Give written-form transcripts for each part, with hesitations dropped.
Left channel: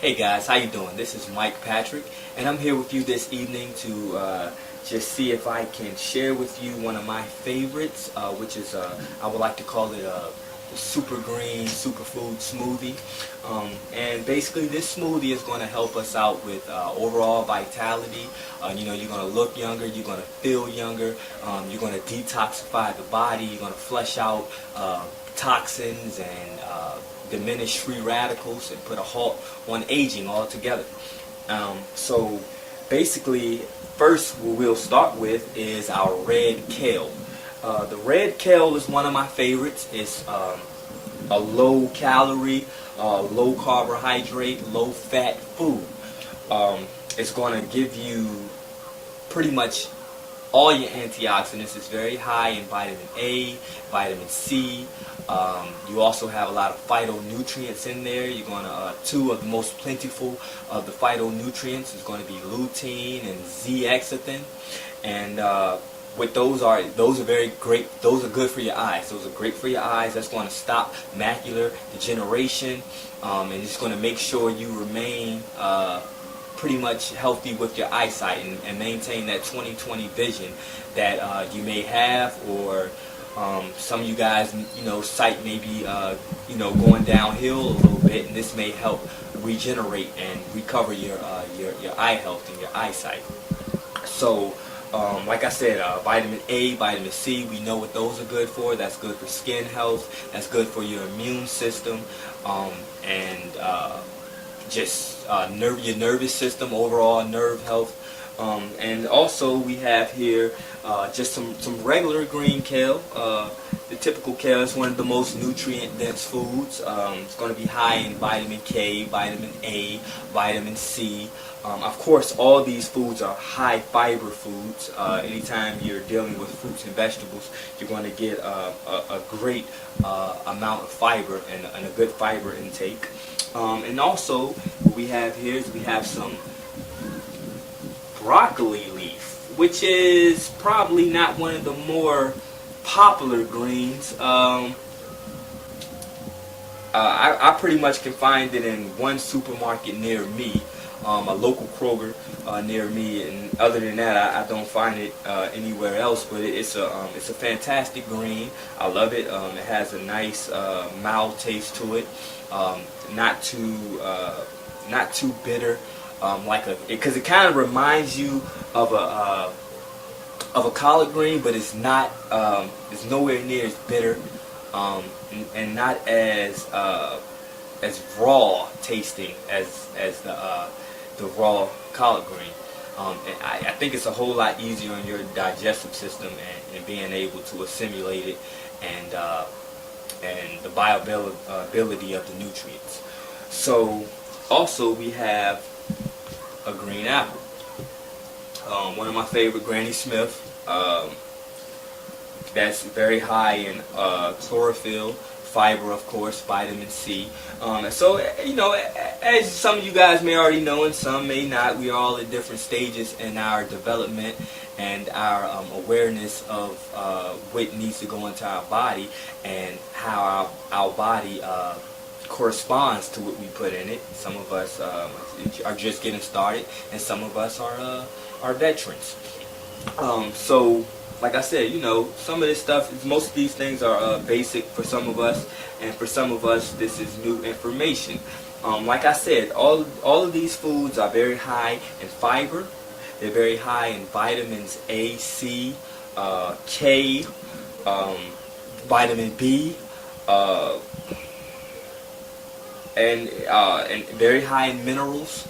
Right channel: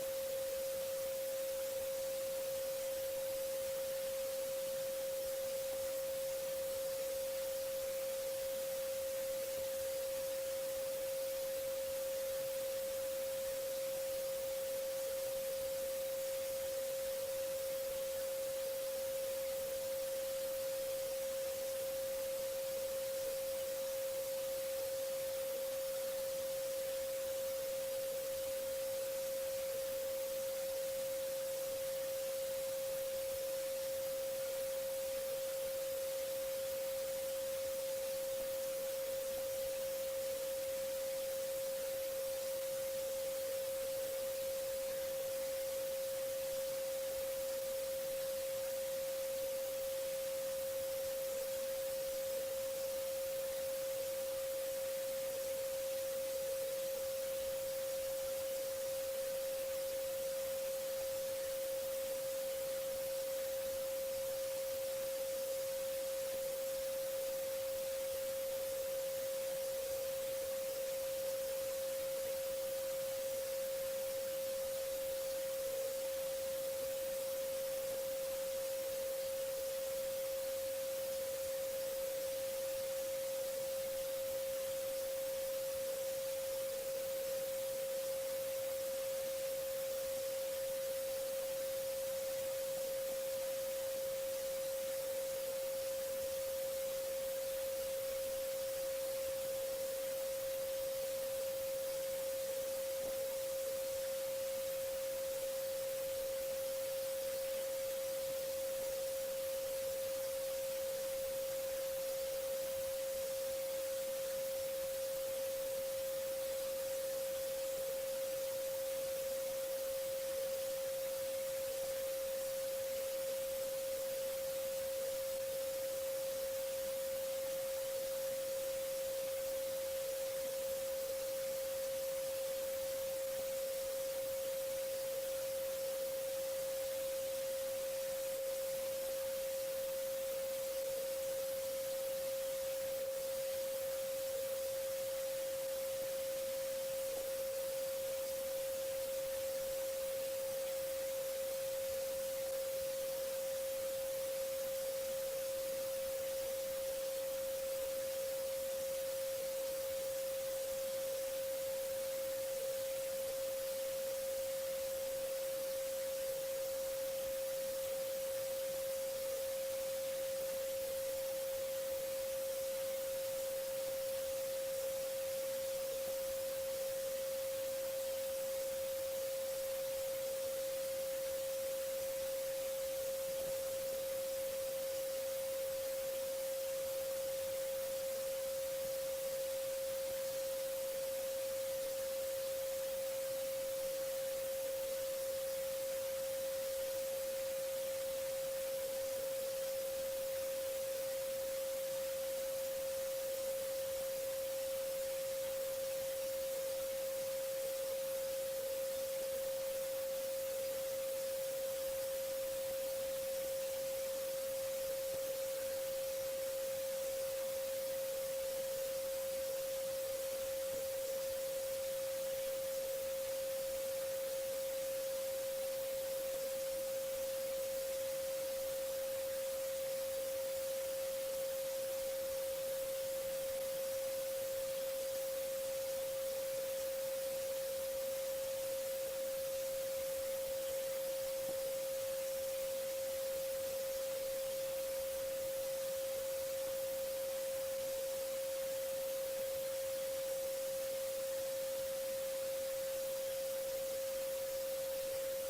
Hey guys, how you doing? This is Mike Patrick, and I'm here with you this evening to just see if I can share with you one of my favorites, which is I would like to call it a super green superfood smoothie. And basically, this smoothie is going to help us out with overall vitality. You're going to look younger, you're going to feel younger, you're going to detoxify the body, you're going to flush out toxins and diminish free radicals and put a halt on aging altogether. So basically, first what we'll start with is our red kale. The red kale is one of my favorites. It's a low calorie, low carbohydrate, low fat food. It's going to give you pretty much all your antioxidants. It's very high in vitamin A, vitamin C. You also have a lot of phytonutrients in there. You're going to two of the most plentiful of the phytonutrients is going to be lutein and zeaxanthin, and with those are very great. Those are good for your eyes. Those are great for your eyes. That's going to stop macular degeneration, and it's going to make sure you remain pretty much healthy with your eyesight and maintain that 20/20 vision that you may have, or some of you guys, sight may be, going downhill a little bit, and this may help regenerate and recover your eye health and your eyesight. So, like I said, vitamin A, vitamin C, we know what those are good for. That's good for skin health. That's good for your immune system, and just your nervous system, overall nerve health. And also we have here just some regular green kale. The typical kale is one of the most nutrient dense foods. It's going to be high in vitamin K, vitamin A, vitamin C. Of course, all these foods are high fiber foods. Anytime you're dealing with fruits and vegetables, you're going to get a great amount of fiber and a good fiber intake. And also, what we have here is we have some broccoli leaf, which is probably not one of the more popular greens. I pretty much can find it in one supermarket near me, a local Kroger near me, and other than that, I don't find it anywhere else. But it's a fantastic green. I love it. It has a nice mild taste to it. Not too bitter, because it kind of reminds you of a collard green, but it's not. It's nowhere near as bitter, and not as raw tasting as the raw collard green. And I think it's a whole lot easier on your digestive system and being able to assimilate it and the bioavailability of the nutrients. So also we have a green apple. One of my favorite, Granny Smith. That's very high in chlorophyll, fiber, of course, vitamin C. So, as some of you guys may already know and some may not, we are all at different stages in our development and our awareness of what needs to go into our body and how our body corresponds to what we put in it. Some of us are just getting started, and some of us are veterans. So, like I said, some of this stuff, most of these things are basic for some of us, and for some of us, this is new information. Like I said, all of these foods are very high in fiber. They're very high in vitamins A, C, K, vitamin B, and very high in minerals.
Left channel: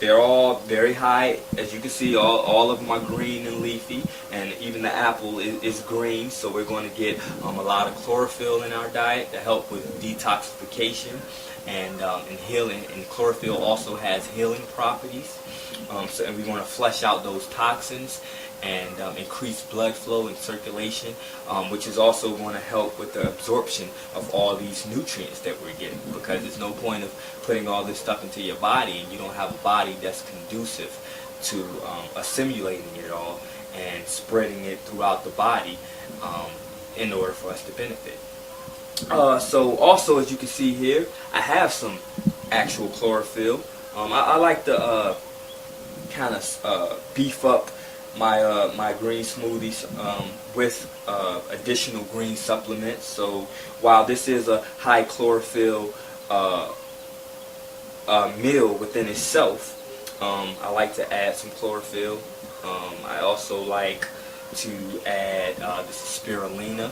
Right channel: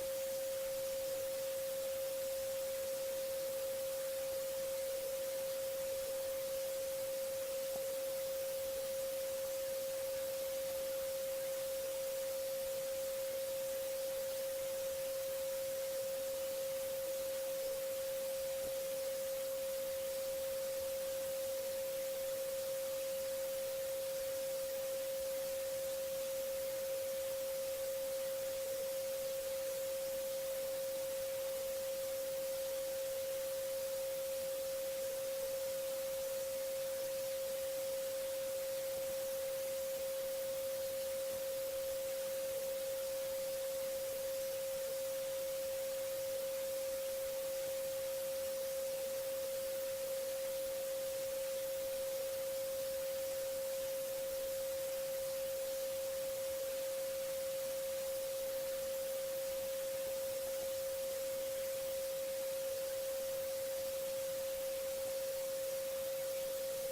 They're all very high, as you can see. All of them are green and leafy, and even the apple is green. So we're going to get a lot of chlorophyll in our diet to help with detoxification and healing. And chlorophyll also has healing properties. And we want to flush out those toxins and increase blood flow and circulation, which is also going to help with the absorption of all these nutrients that we're getting, because there's no point of putting all this stuff into your body and you don't have a body that's conducive to assimilating it all and spreading it throughout the body in order for us to benefit. So also, as you can see here, I have some actual chlorophyll. I like to kind of beef up my green smoothies with additional green supplements. So while this is a high chlorophyll meal within itself, I like to add some chlorophyll. I also like to add this is spirulina,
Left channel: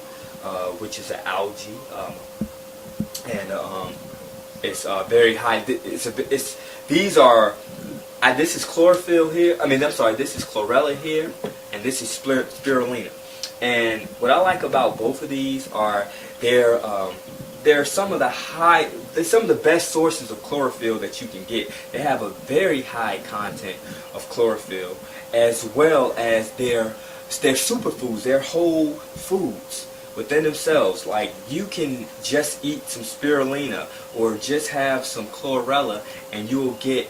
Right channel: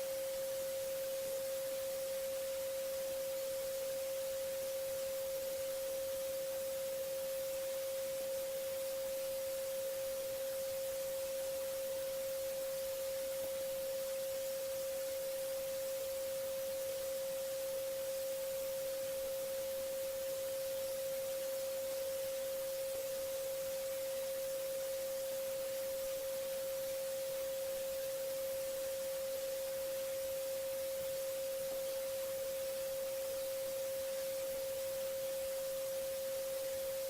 which is an algae, and it's very high. This is chlorophyll here. This is chlorella here, and this is spirulina. And what I like about both of these are they're some of the best sources of chlorophyll that you can get. They have a very high content of chlorophyll, as well as they're superfoods. They're whole foods within themselves. Like, you can just eat some spirulina or just have some chlorella, and you'll get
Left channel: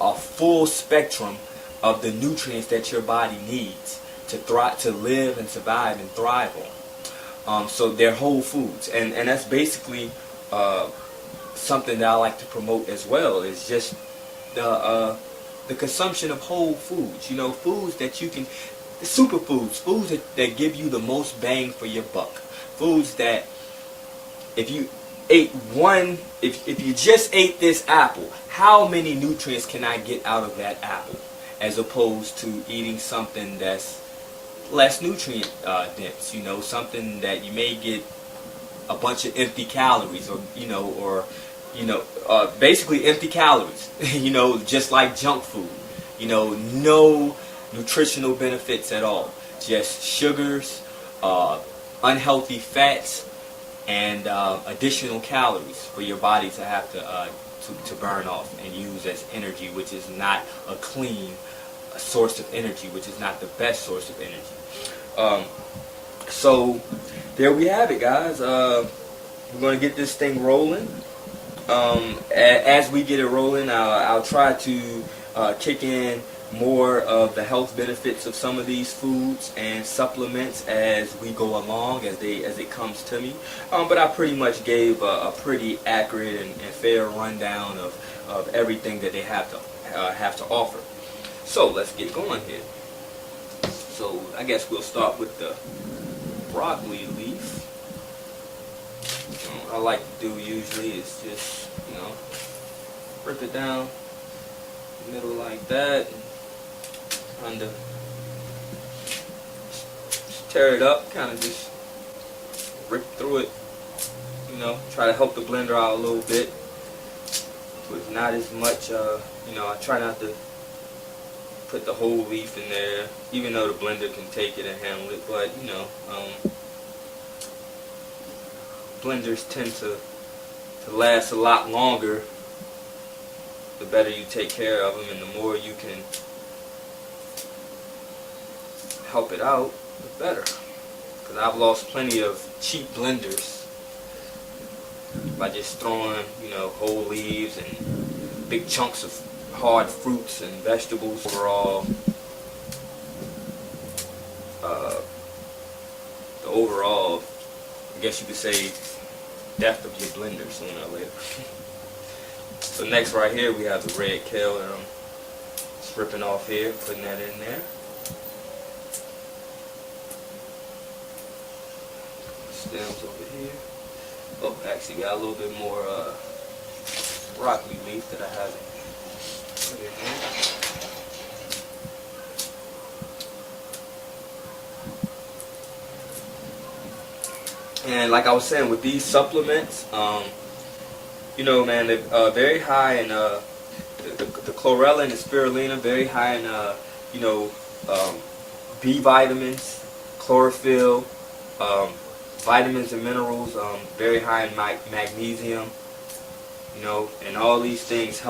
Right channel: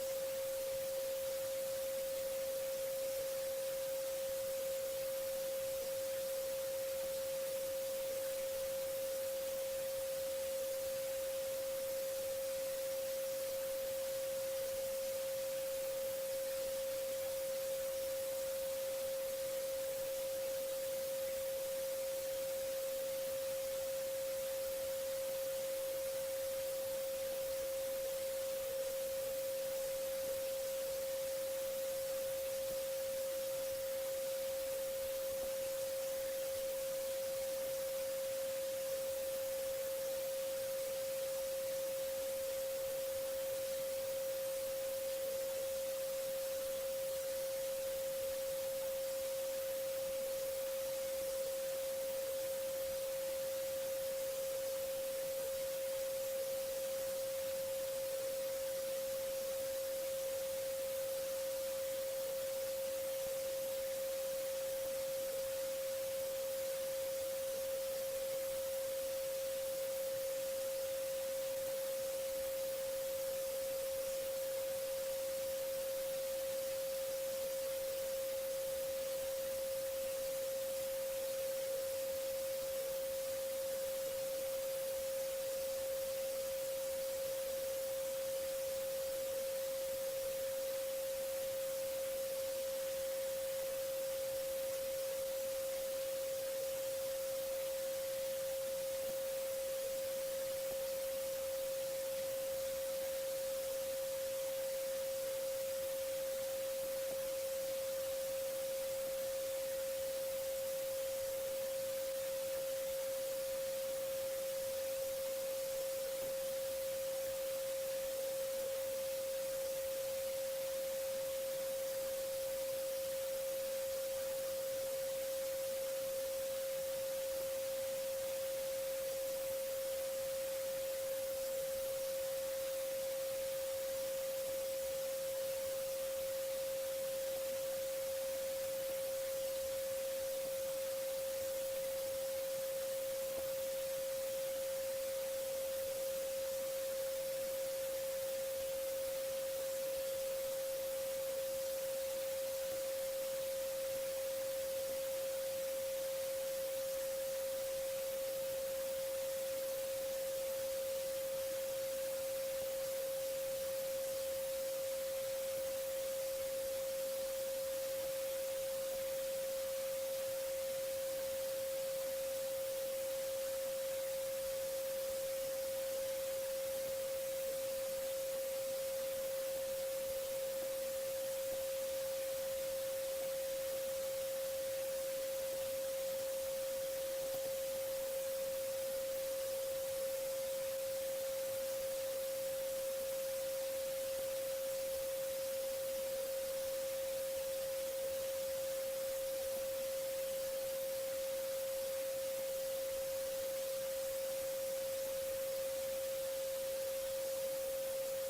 a full spectrum of the nutrients that your body needs to live and survive and thrive on. So they're whole foods, and that's basically something that I like to promote as well. Is just the consumption of whole foods. Foods that you can, superfoods, foods that give you the most bang for your buck. Foods that if you just ate this apple, how many nutrients can I get out of that apple, as opposed to eating something that's less nutrient dense, something that you may get a bunch of empty calories, or basically empty calories, just like junk food, no nutritional benefits at all, just sugars, unhealthy fats, and additional calories for your body to have to burn off and use as energy, which is not a clean source of energy, which is not the best source of energy. So there we have it, guys. We're going to get this thing rolling. As we get it rolling, I'll try to kick in more of the health benefits of some of these foods and supplements as we go along, as it comes to me. But I pretty much gave a pretty accurate and fair rundown of everything that they have to offer. So let's get going here. So I guess we'll start with the broccoli leaf. What I like to do usually is just, rip it down the middle like that, kind of tear it up, kind of just rip through it, try to help the blender out a little bit, with not as much, I try not to put the whole leaf in there, even though the blender can take it and handle it, but, blenders tend to last a lot longer the better you take care of them, and the more you can help it out, the better. Because I've lost plenty of cheap blenders by just throwing, whole leaves and big chunks of hard fruits and vegetables. Overall, the overall, I guess you could say, death of your blender sooner or later. So next right here we have the red kale that I'm just ripping off here, putting that in there. Stems over here. Oh, actually got a little bit more broccoli leaf that I haven't put in there. And like I was saying, with these supplements, man, they're very high in the chlorella and the spirulina, very high in B vitamins, chlorophyll, vitamins and minerals, very high in magnesium, and all these things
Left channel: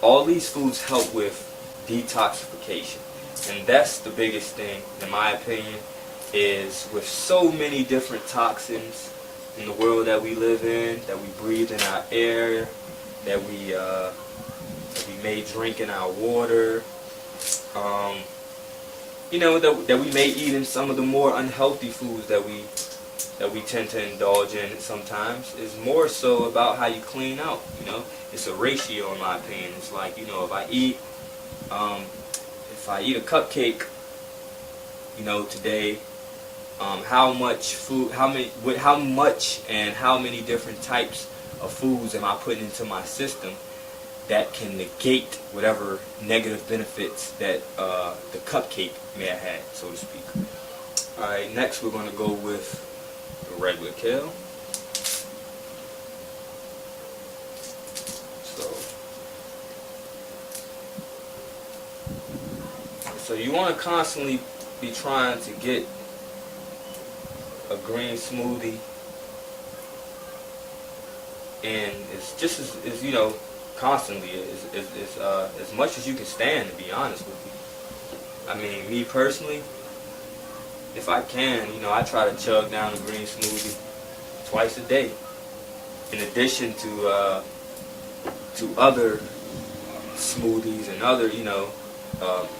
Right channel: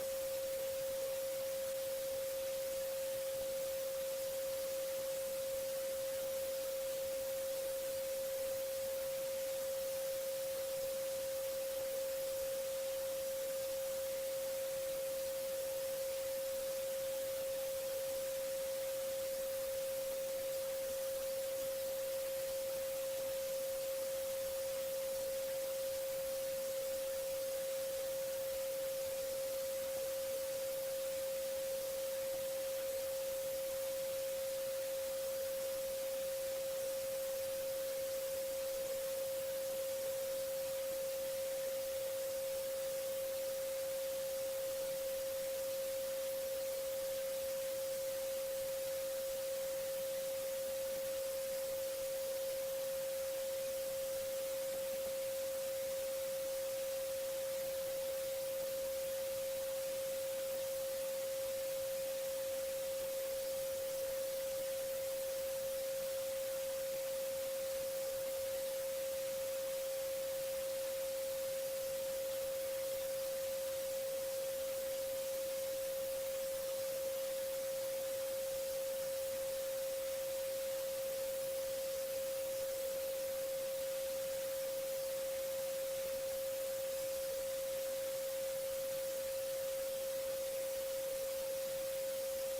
all these foods help with detoxification. And that's the biggest thing, in my opinion, is with so many different toxins in the world that we live in, that we breathe in our air, that we may drink in our water, that we may eat in some of the more unhealthy foods that we that we tend to indulge in sometimes is more so about how you clean out. It's a ratio in my opinion. It's like, if I eat a cupcake, today, how much food, how much and how many different types of foods am I putting into my system that can negate whatever negative benefits that the cupcake may have had, so to speak. Alright, next we're going to go with the regular kale. So you want to constantly be trying to get a green smoothie, and it's just as constantly as much as you can stand, to be honest with you. I mean, me personally, if I can, I try to chug down a green smoothie twice a day, in addition to other smoothies and other,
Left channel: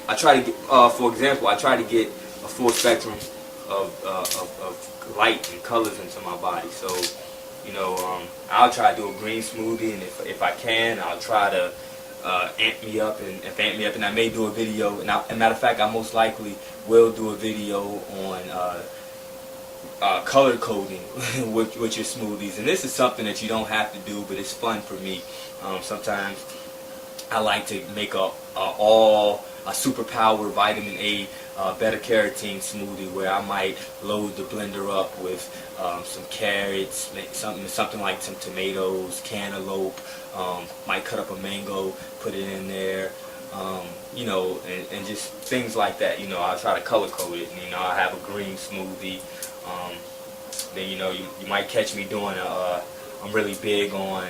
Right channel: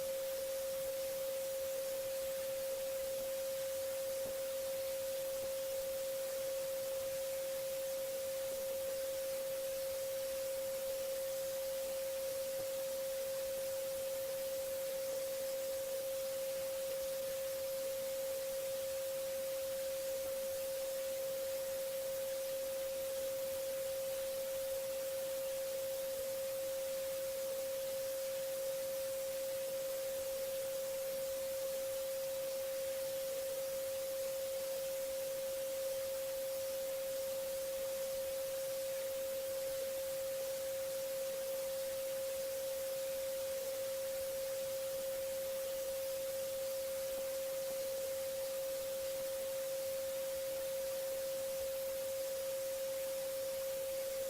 I try to get, for example, I try to get a full spectrum of light and colors into my body. So, I'll try to do a green smoothie, and if I can, I'll try to amp me up, and I may do a video. And as a matter of fact, I most likely will do a video on color coding with your smoothies. And this is something that you don't have to do, but it's fun for me. Sometimes I like to make a superpower vitamin A beta-carotene smoothie, where I might load the blender up with some carrots, something like some tomatoes, cantaloupe, might cut up a mango, put it in there, and just things like that. I'll try to color code it, and I'll have a green smoothie. Then you might catch me doing I'm really big on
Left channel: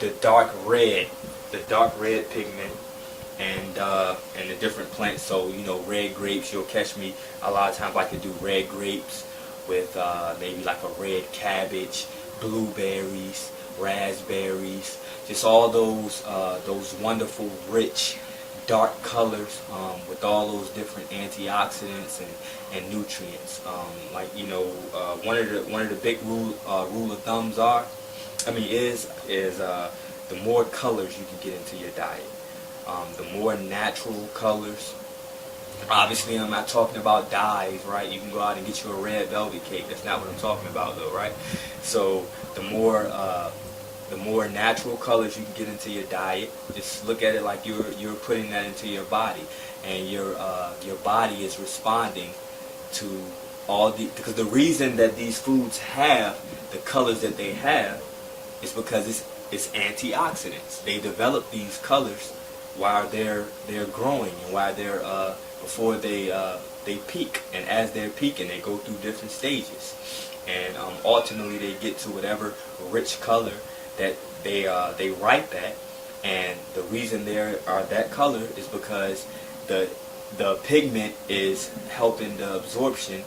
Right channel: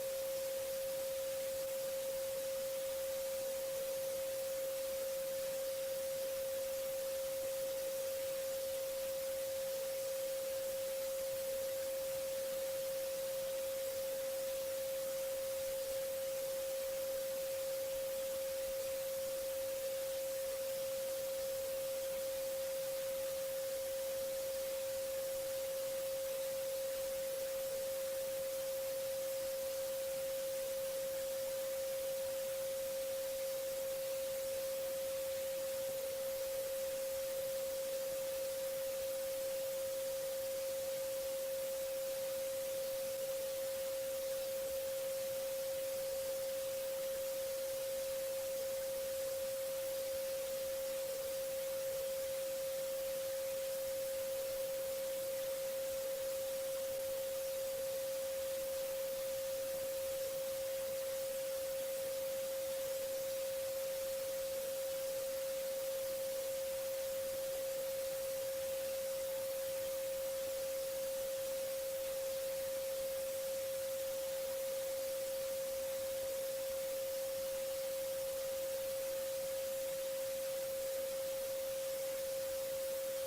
the dark red pigment, and the different plants. So red grapes, you'll catch me a lot of times like to do red grapes with maybe like a red cabbage, blueberries, raspberries, just all those wonderful rich dark colors with all those different antioxidants and nutrients. One of the big rule of thumbs is the more colors you can get into your diet, the more natural colors. Obviously, I'm not talking about dyes, right? You can go out and get you a red velvet cake. That's not what I'm talking about, though, right? So the more natural colors you can get into your diet, just look at it like you're putting that into your body, and your body is responding to because the reason that these foods have the colors that they have is because it's antioxidants. They develop these colors while they're growing, and while they're before they peak, and as they're peaking, they go through different stages, and ultimately they get to whatever rich color that they ripe at. And the reason they are that color is because the pigment is helping the absorption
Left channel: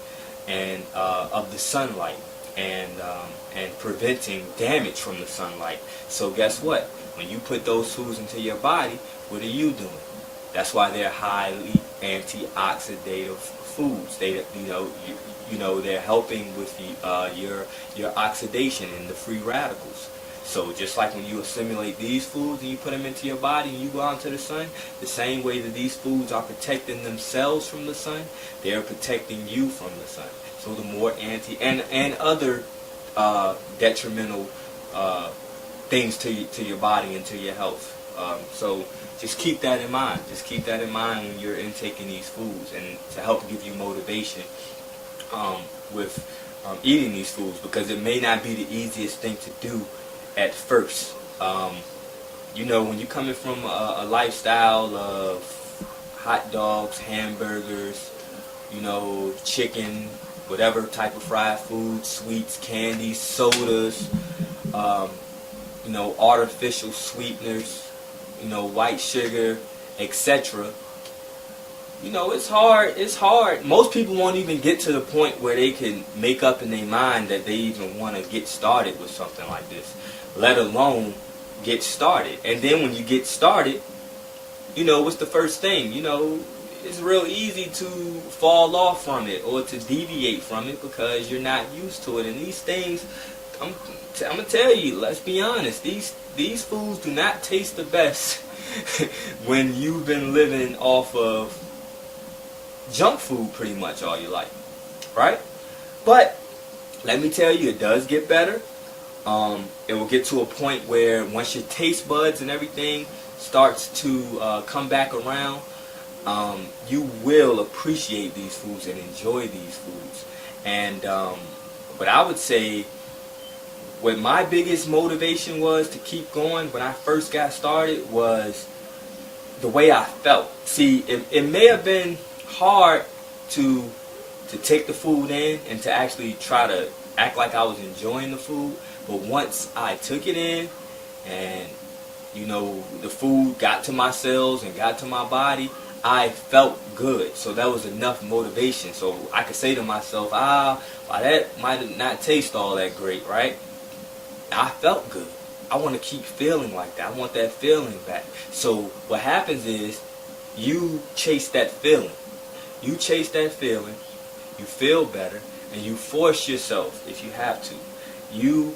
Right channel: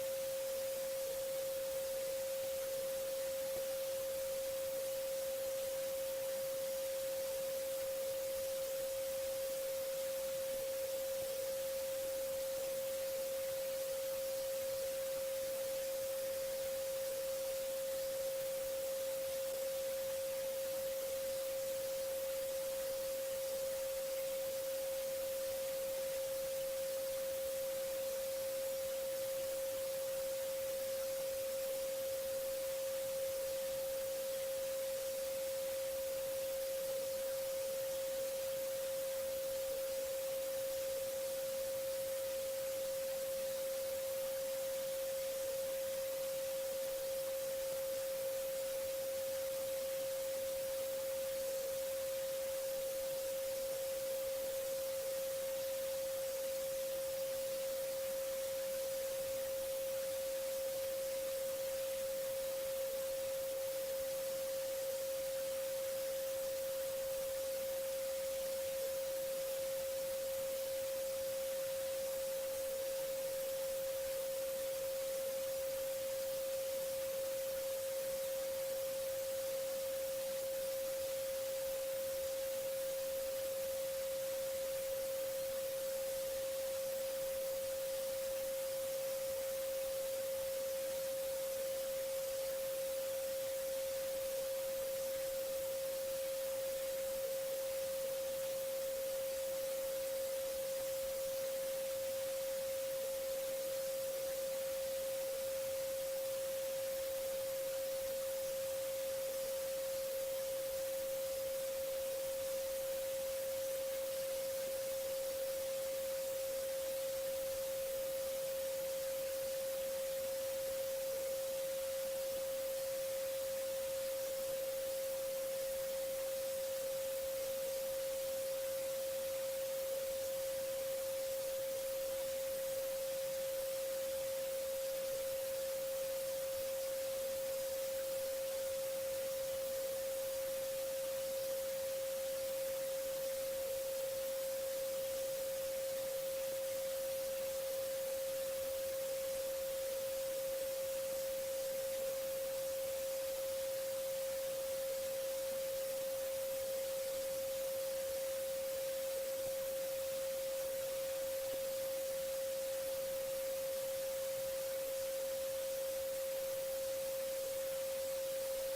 and of the sunlight, and preventing damage from the sunlight. So guess what? When you put those foods into your body, what are you doing? That's why they're highly antioxidative foods. They're helping with your oxidation and the free radicals. So just like when you assimilate these foods and you put them into your body and you go out into the sun, the same way that these foods are protecting themselves from the sun, they're protecting you from the sun. So the more and other detrimental things to your body and to your health. So just keep that in mind. Just keep that in mind when you're intaking these foods, and to help give you motivation with eating these foods, because it may not be the easiest thing to do at first. When you're coming from a lifestyle of hot dogs, hamburgers, chicken, whatever type of fried food, sweets, candies, sodas, artificial sweeteners, white sugar, etc. It's hard. Most people won't even get to the point where they can make up in their mind that they even want to get started with something like this, let alone get started. And then when you get started, what's the first thing? it's real easy to fall off from it or to deviate from it because you're not used to it. And these things, I'm gonna tell you, let's be honest, these foods do not taste the best when you've been living off of junk food pretty much all your life, right? But let me tell you, it does get better. It will get to a point where once your taste buds and everything starts to come back around, you will appreciate these foods and enjoy these foods. And but I would say what my biggest motivation was to keep going when I first got started was the way I felt. See, it may have been hard to take the food in and to actually try to act like I was enjoying the food, but once I took it in and the food got to my cells and got to my body, I felt good. So that was enough motivation. So I could say to myself, well, that might not taste all that great, right? I felt good. I want to keep feeling like that. I want that feeling back. So what happens is you chase that feeling. You chase that feeling, you feel better, and you force yourself, if you have to, you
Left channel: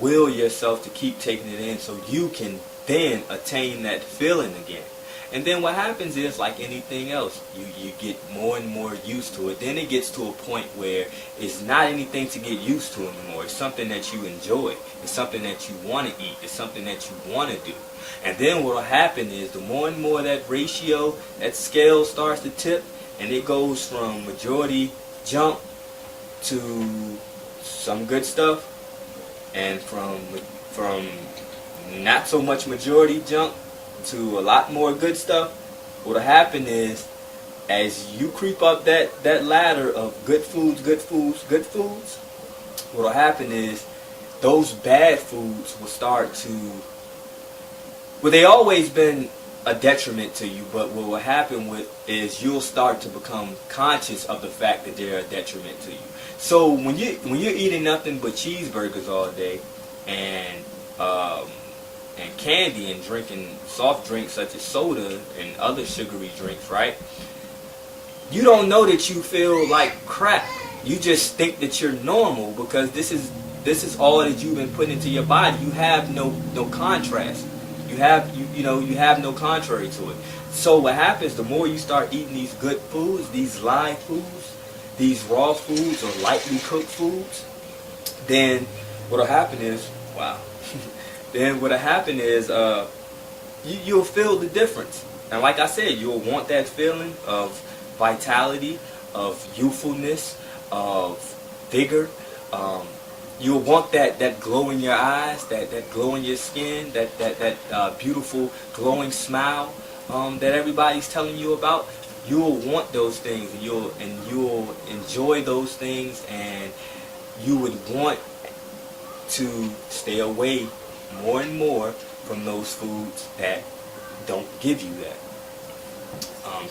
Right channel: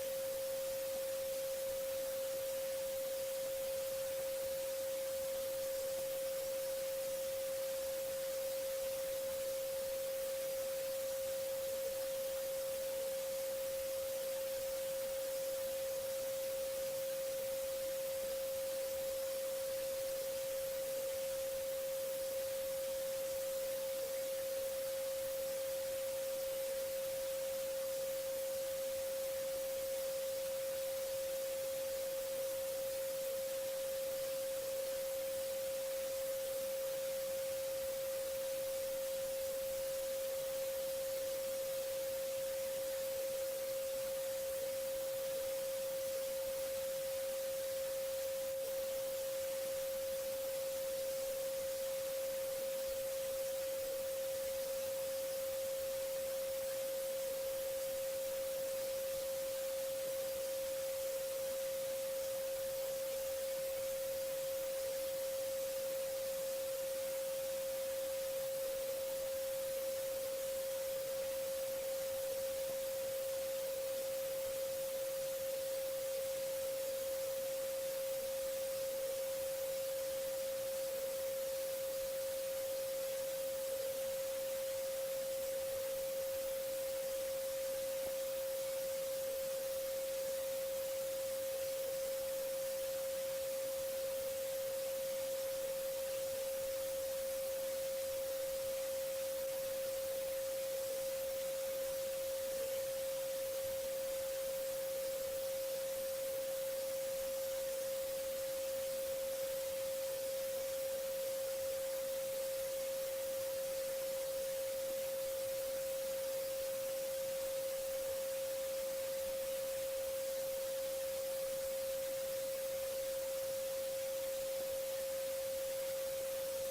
will yourself to keep taking it in so you can then attain that feeling again. And then what happens is, like anything else, you get more and more used to it. Then it gets to a point where it's not anything to get used to anymore. It's something that you enjoy. It's something that you want to eat. It's something that you want to do. And then what will happen is the more and more that ratio, that scale starts to tip, and it goes from majority junk to some good stuff, and from not so much majority junk to a lot more good stuff. What'll happen is, as you creep up that ladder of good foods, what'll happen is those bad foods will start to, well, they always been a detriment to you, but what will happen is you'll start to become conscious of the fact that they're a detriment to you. So when you're eating nothing but cheeseburgers all day and candy and drinking soft drinks such as soda and other sugary drinks, right? You don't know that you feel like crap. You just think that you're normal because this is all that you've been putting into your body. You have no contrast. You have no contrary to it. So what happens, the more you start eating these good foods, these live foods, these raw foods or lightly cooked foods, then what'll happen is, you'll feel the difference. And like I said, you'll want that feeling of vitality, of youthfulness, of vigor. You'll want that glow in your eyes, that glow in your skin, that beautiful glowing smile that everybody's telling you about. You'll want those things, and you'll enjoy those things, and you would want to stay away more and more from those foods that don't give you that.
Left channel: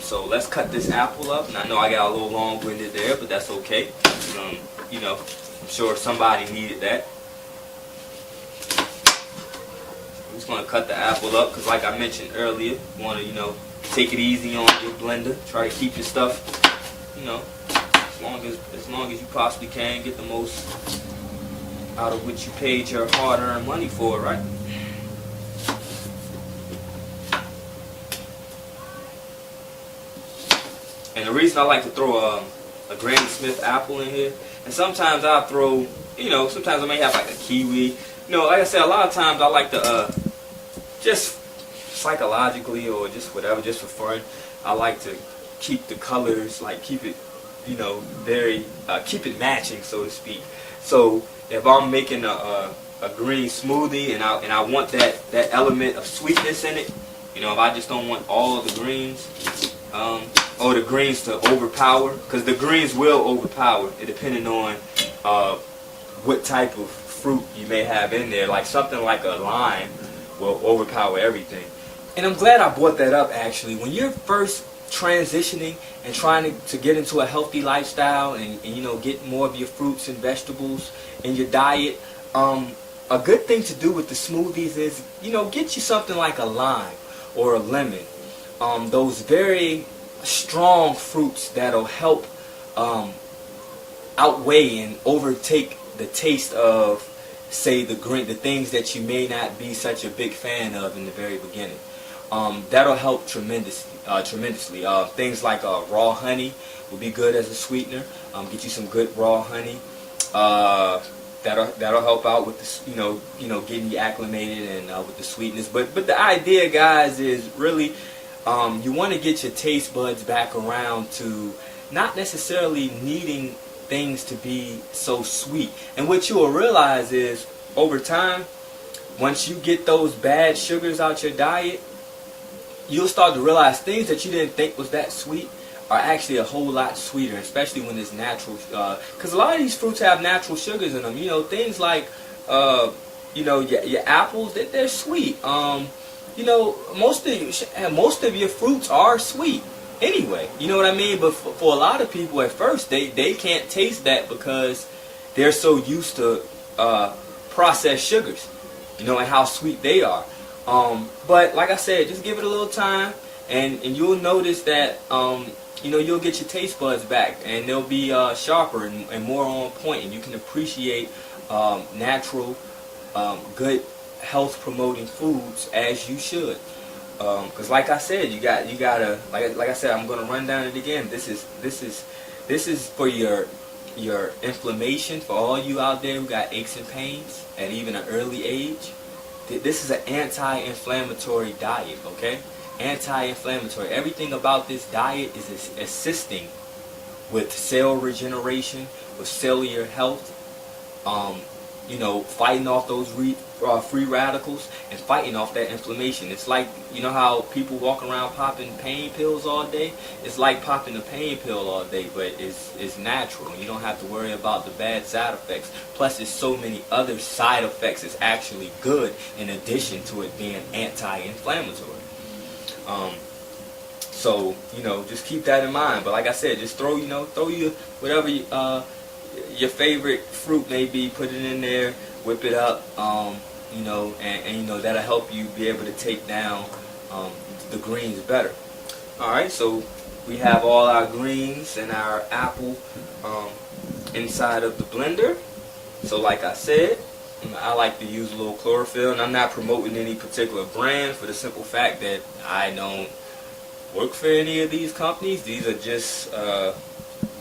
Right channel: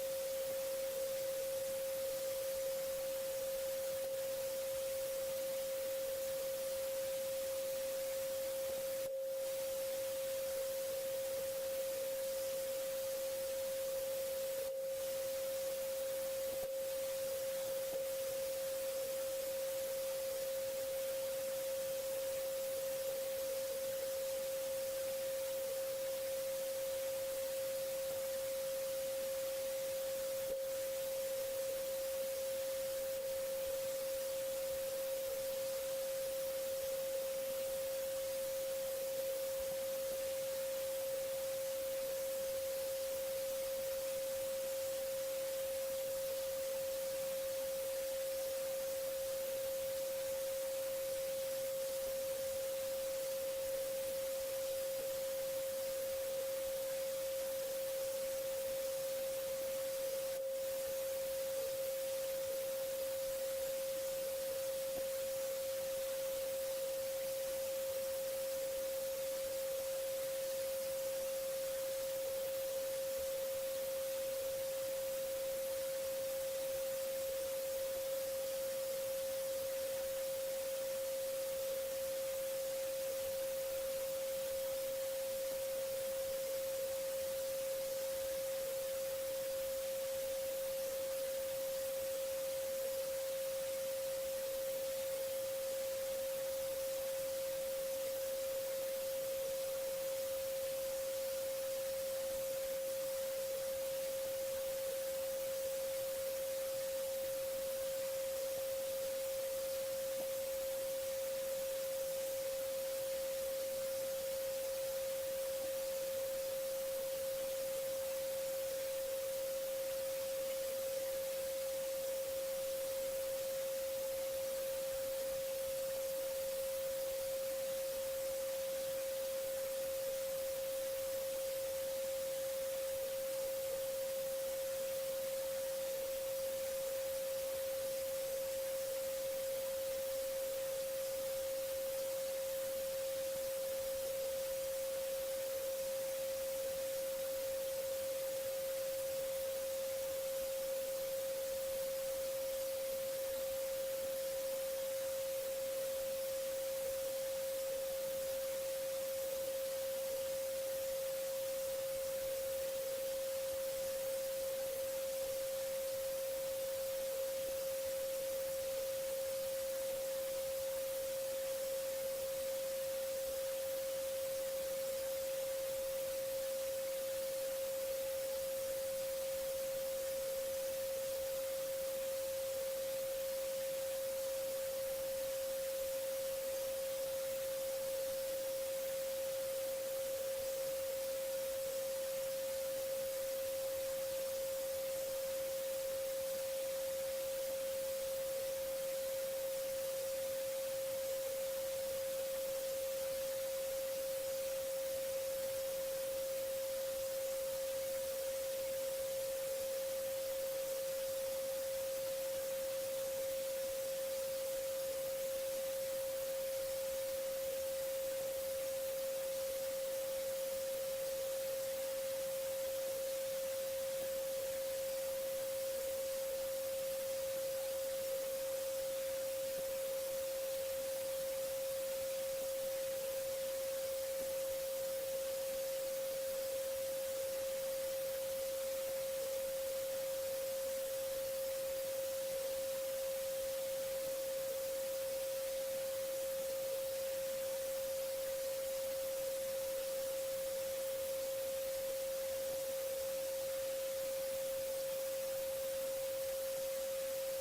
So let's cut this apple up. And I know I got a little long-winded there, but that's okay. I'm sure somebody needed that. I'm just going to cut the apple up because, like I mentioned earlier, you want to, take it easy on your blender. Try to keep your stuff, as long as you possibly can. Get the most out of what you paid your hard-earned money for, right? And the reason I like to throw a Granny Smith apple in here, and sometimes I'll throw, sometimes I may have like a kiwi. Like I said, a lot of times I like to, just psychologically or just whatever, just for fun, I like to keep the colors, like keep it, very, keep it matching, so to speak. So if I'm making a green smoothie and I want that element of sweetness in it, if I just don't want all of the greens, or the greens to overpower, because the greens will overpower, depending on what type of fruit you may have in there. Like something like a lime will overpower everything. And I'm glad I brought that up, actually. When you're first transitioning and trying to get into a healthy lifestyle and get more of your fruits and vegetables in your diet, a good thing to do with the smoothies is, get you something like a lime or a lemon. Those very strong fruits that'll help outweigh and overtake the taste of, say, the things that you may not be such a big fan of in the very beginning. That'll help tremendously. Things like raw honey will be good as a sweetener. Get you some good raw honey. That'll help out with the, getting you acclimated and with the sweetness. But the idea, guys, is really you want to get your taste buds back around to not necessarily needing things to be so sweet. And what you will realize is over time, once you get those bad sugars out your diet, you'll start to realize things that you didn't think was that sweet are actually a whole lot sweeter, especially when it's natural. Because a lot of these fruits have natural sugars in them. Things like, your apples, they're sweet. Most of your fruits are sweet anyway. You know what I mean? But for a lot of people at first, they can't taste that because they're so used to processed sugars, and how sweet they are. But like I said, just give it a little time, and you'll notice that you'll get your taste buds back, and they'll be sharper and more on point, and you can appreciate natural, good, health promoting foods as you should. Because like I said, you gotta like I said, I'm gonna run down it again. This is for your inflammation, for all you out there who got aches and pains at even an early age. This is an anti-inflammatory diet, okay? Anti-inflammatory. Everything about this diet is assisting with cell regeneration, with cellular health, fighting off those free radicals and fighting off that inflammation. It's like, how people walk around popping pain pills all day? It's like popping a pain pill all day, but it's natural. You don't have to worry about the bad side effects. Plus, there's so many other side effects that's actually good in addition to it being anti-inflammatory. So, just keep that in mind. But like I said, just throw your whatever your favorite fruit may be, put it in there, whip it up, and that'll help you be able to take down the greens better. Alright, so we have all our greens and our apple inside of the blender. So like I said, I like to use a little chlorophyll, and I'm not promoting any particular brand for the simple fact that I don't work for any of these companies. These are just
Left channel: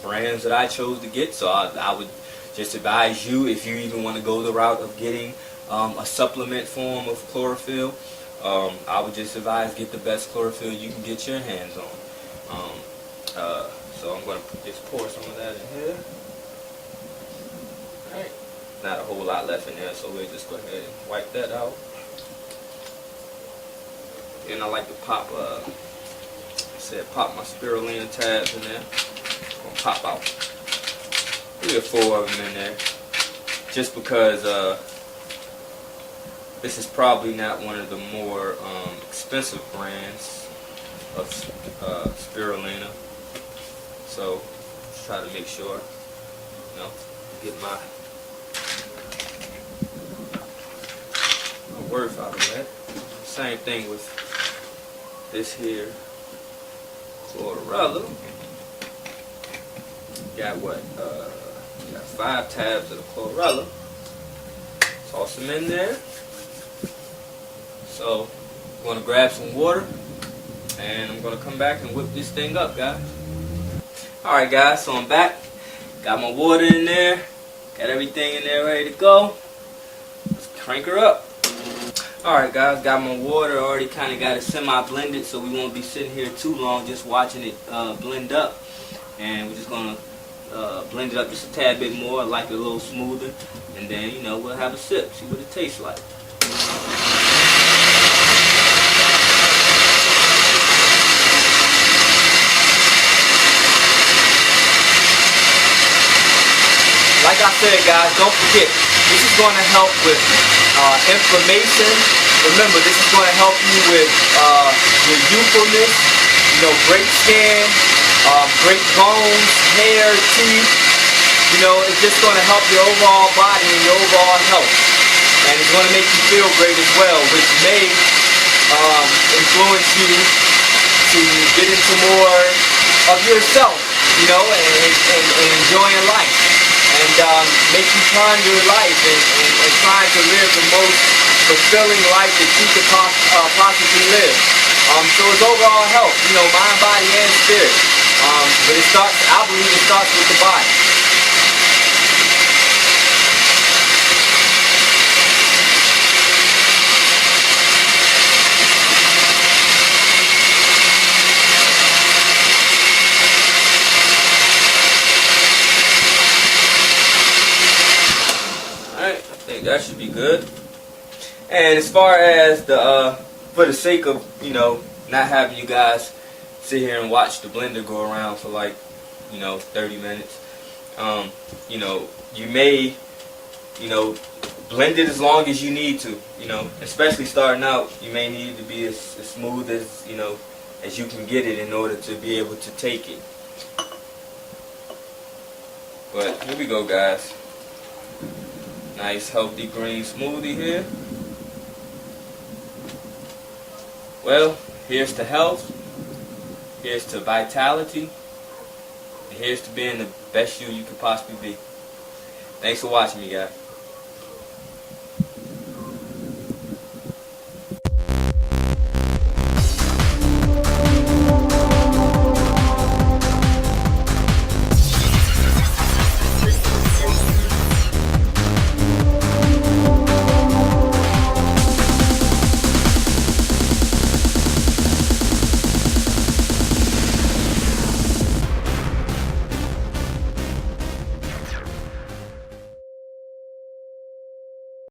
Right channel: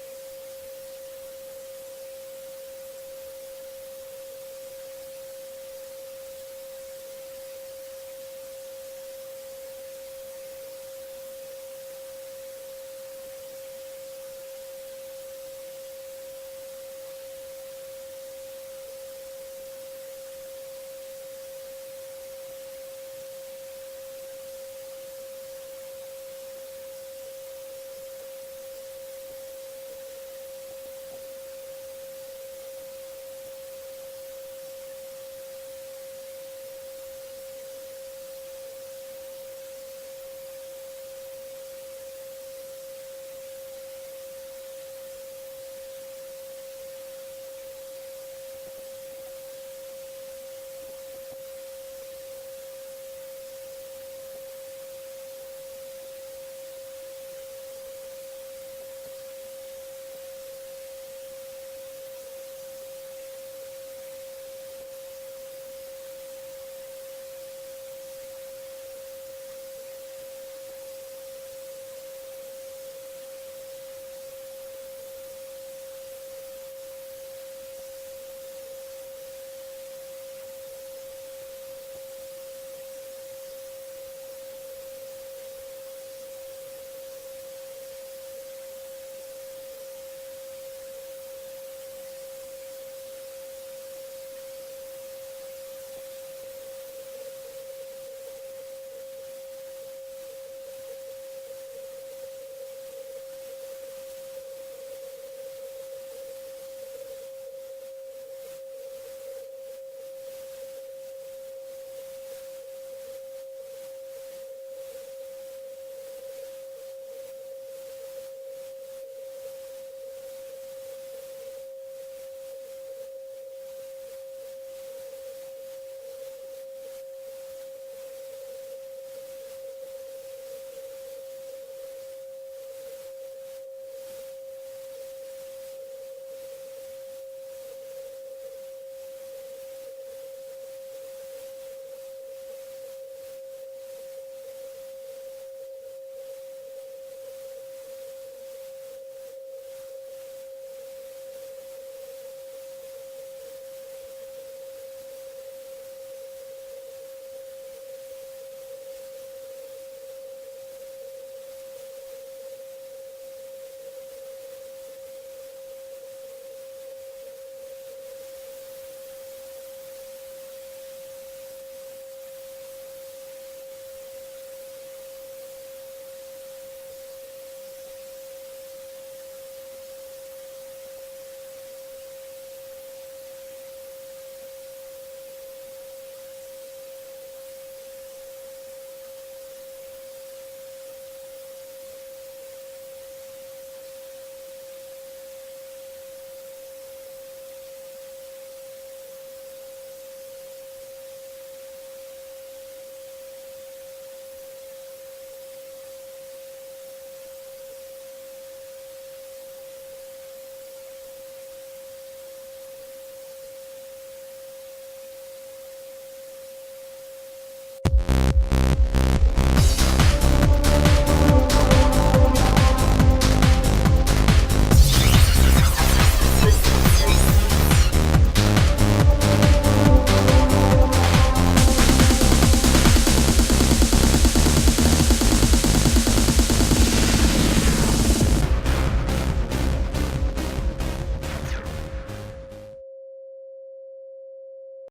brands that I chose to get, so I would just advise you, if you even want to go the route of getting a supplement form of chlorophyll, I would just advise get the best chlorophyll you can get your hands on. So I'm going to just pour some of that in here. Alright, not a whole lot left in there, so we'll just go ahead and wipe that out. And I like to pop my spirulina tabs in there. Pop out 3 or 4 of them in there, just because this is probably not one of the more expensive brands of spirulina, so just try to make sure get my worth out of that. Same thing with this here chlorella. Got what? Got 5 tabs of the chlorella. Toss them in there. So I'm going to grab some water, and I'm going to come back and whip this thing up, guys. Alright guys, so I'm back. Got my water in there. Got everything in there ready to go. Let's crank her up. Alright guys, got my water. Already kind of got it semi-blended, so we won't be sitting here too long just watching it blend up. And we're just going to blend it up just a tad bit more, like it a little smoother, and then we'll have a sip, see what it tastes like. Like I said, guys, don't forget, this is going to help with inflammation. Remember, this is going to help you with your youthfulness, great skin, great bones, hair, teeth. It's just going to help your overall body and your overall health. And it's going to make you feel great as well, which may influence you to get into more of yourself, you know, and enjoying life. And make you ponder life and trying to live the most fulfilling life that you could possibly live. So it's overall health, you know, mind, body, and spirit. But I believe it starts with the body. Alright, I think that should be good. And as far as for the sake of, you know, not having you guys sit here and watch the blender go around for like, you know, 30 minutes, you know, you may, you know, blend it as long as you need to, you know, especially starting out. You may need to be as smooth as, you know, as you can get it in order to be able to take it. But here we go, guys. Nice healthy green smoothie here. Well, here's to health, here's to vitality, and here's to being the best you could possibly be. Thanks for watching me, guys.